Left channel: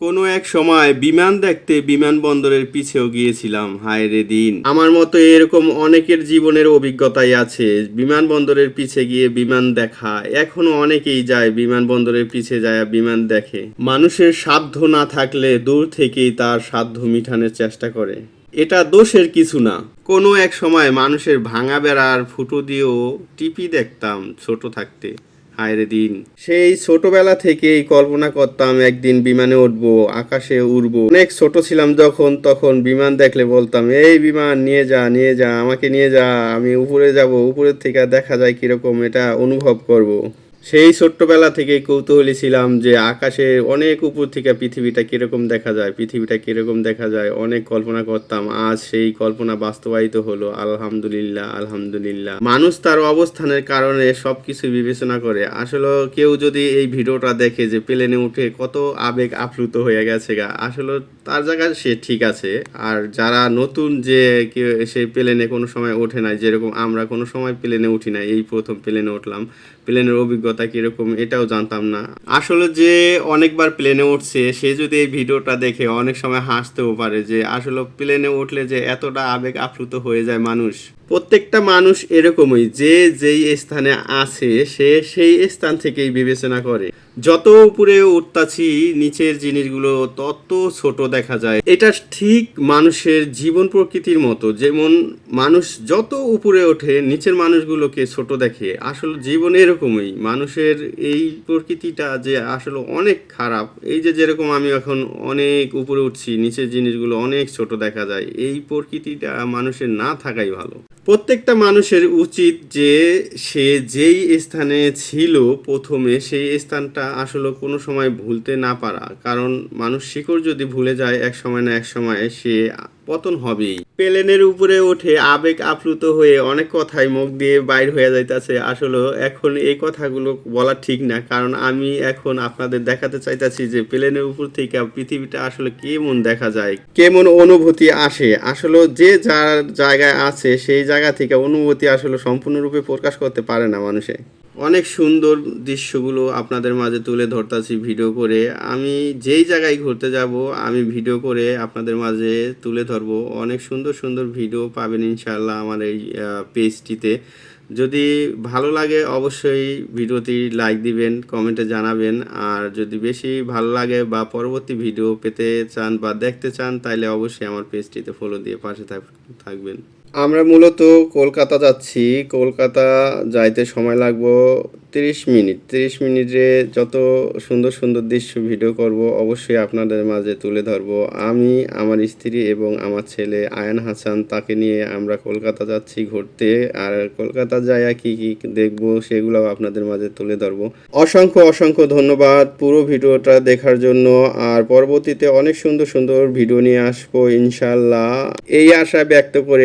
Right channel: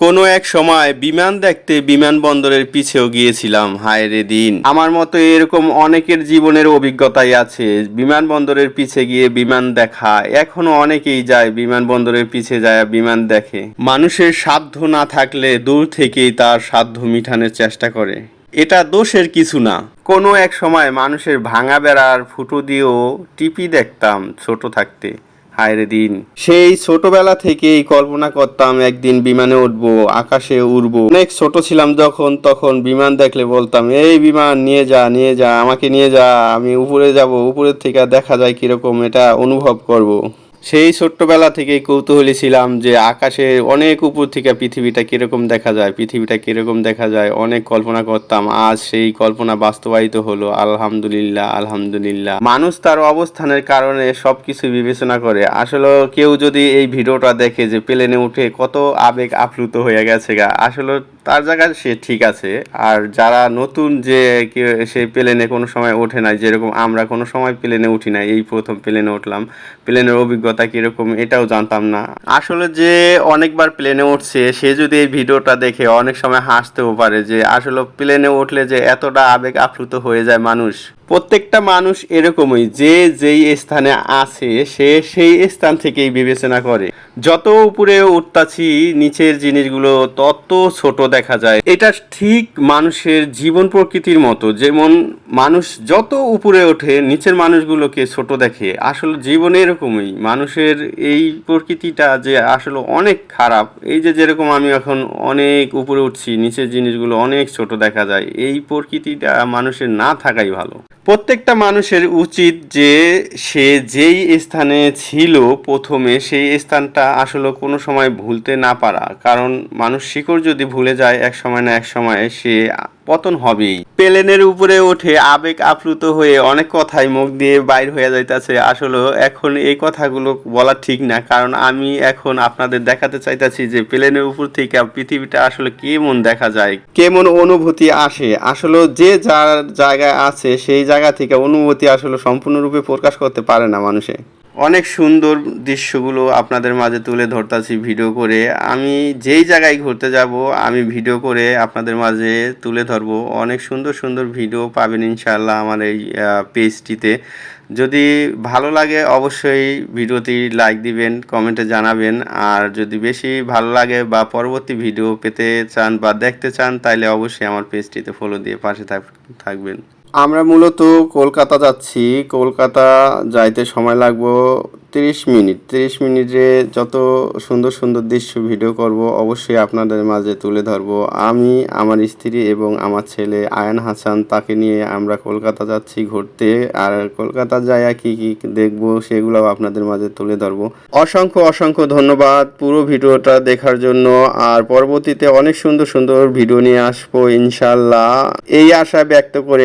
কোনো এক সময় বিমান দেখতে বিমানবন্দরের পিছেও গিয়েছিলাম, হায় রে দিন। আমার মতো এরকম অনেকের জীবনের অভিজ্ঞতাই আছে। বিমানবন্দরের পিছে গিয়ে বিমান দেখা, এখনও অনেকেই যায় বিমানবন্দরের পিছে যায় বিমান দেখে। মানুষের সাধ্য না থাকলে দূর থেকেই তার সাধ্য মিটানোর চেষ্টা করে। এটা দোষের কিছু না। কোনো এক সময় মানুষের ভাঙা বেড়ার ফুটো দিয়েও টিপি দেখতাম ছোট থাকতে। হায়রে দিন সেই ছোটবেলা থেকেই কল্পনা করতাম, একদিন বিমানে উঠব, আকাশে উড়ব অনেক ছোট ছিলাম যখন, তখন বিমান দেখলে বলতাম, এই বিমান, নিয়ে যা নিয়ে যা, আমাকে নিয়ে যা, আমি উপরে যাব, উপরের থেকে দেখা যায় কীরকম এটা অনুভব করব। সেই ছোট্টবেলা থেকে কৌতূহলী ছিলাম যে আকাশে অনেক উপর থেকে পৃথিবীটা কীরকম দেখা যায়, পৃথিবীটা কীরকম দেখা যায়, অনেক কল্পনা করতাম, আজ সেই কল্পনা বাস্তবায়িত হলো, আলহামদুলিল্লাহ আলহামদুলিল্লাহ। মানুষ তার অবস্থানের কারণে সবকিছু বিবেচনা করে। আসলে কেউ যদি এই ভিডিওটা দেখে যে প্লেনে উঠে কত আবেগ আপ্লুত হয়ে গেছে গা, আসলে তার জায়গায় সে ঠিক আছে। আর যারা নতুন যে সেই প্লেনে কোনো সময় ওঠে না যেরকম আমরা কোনো সময় প্লেনে উঠি নাই, এই প্রথম প্লেনে উঠলাম, প্লেনের অভিজ্ঞতা কীরকম এটাও জানতাম না। আসলে যে অনেকবার প্লেনে উঠছে, সে যদি এই ভিডিওটা দেখে অনেক সময় হাসতেও পারে যে আসলে প্লেনে উঠলে যে এতটা আবেগ আপ্লুত হয়ে যায় মানুষ। প্রত্যেকটা মানুষ এরকমই, যে যেই স্থানে আছে, সে সেই স্থান থেকেই বিবেচনা করে। যত উপরে উঠতাছি, নিচের জিনিসগুলো তত ছোট দেখা যায়। এটা ঠিক মানুষের জীবন প্রকৃতির মতো। যেমন মানুষ যত উপরে ওঠে, নিচের মানুষগুলোকে ছোট দেখে। আসলে জীবন এরকমই। মানুষের এই প্রকৃতিটা যে আসলে অনেক খারাপ। এই যে যেরকম আমি এখন অনেক উপরে উঠছি, নিচের জিনিসগুলো অনেক ছোট দেখা যায়। এই প্রকৃতিটা মানুষের না থাকাই ভালো। প্রত্যেকটা মানুষের উচিত যে সে যেই স্থানে ছিল প্রথমে, সেই স্থানটা আসলে কোনো সময় ভুলতে না পারা। কারণ মানুষ শিকড় যদি ভুলে যায়, এক সময় না এক সময় সে পতন হবেই। প্লেনের উপরে উঠে আবেগ আপ্লুত হয়ে অনেক কথাই মুখ দিয়ে বাইর হয়ে যাইতেছে। আসলে এখন এই কথাগুলো বলা ঠিক না, কারণ আমি এখন আপনাদের দেখাতে চাইতেছি যে প্লেনের উপর থেকে পৃথিবীটা আসলে কেমন দেখা যায়, কেমন অনুভূতি আসে। আসলে যে যার জায়গায় আছে, সেই জায়গা থেকে অনুভূতি আসলে সম্পূর্ণরূপে প্রকাশ করতে পারে না মানুষে। অনেক সুন্দর দৃশ্যগুলো আপনাদের মাঝে তুলে ধরতাছি ভিডিও করে। আমি যেই জায়গায় ঘুরতে যাব, আমি ভিডিও করে আপনাদের মাঝে তুলে ধরবো। অনেক সুন্দর সুন্দর ভিডিও পাবেন ইনশাআল্লাহ আমার এই পেজটিতে। যদি ভালো লাগে অবশ্যই ভিডিওটি লাইক দিবেন, কমেন্টে জানাবেন। আর যদি বেশি ভালো লাগে বা পরবর্তী ভিডিও পেতে চান বা দেখতে চান তাহলে অবশ্যই আমার পেজটিতে ফলো দিয়ে পাশে থাক- থাকবেন। আমরা মূলত কলকাতা যাচ্ছি। কলকাতা যাইতে সময় লাগবো তিরিশ মিনিট। তিরিশ মিনিটে যত সুন্দর সুন্দর দৃশ্য ভিডিও করব অবশ্যই আপনাদের মাঝে তুলে ধরবো। আমি, আমার স্ত্রী এবং আমার ছেলে আয়ান হাসান, তাকে নিয়ে আমরা কলকাতা যাচ্ছি ঘুরতে। আর কলকাতা যায় কি কি দেখব সেগুলো আপনাদের মাঝে তুলে ধরবো। অসংখ্য অসংখ্য ধন্যবাদ পুরো ভিডিওটা দেখার জন্য। আর পরবর্তীতে অনেক সুন্দর সুন্দর ভিডিও নিয়ে আসব ইনশাল্লাহ। এই আশা ব্যক্ত করে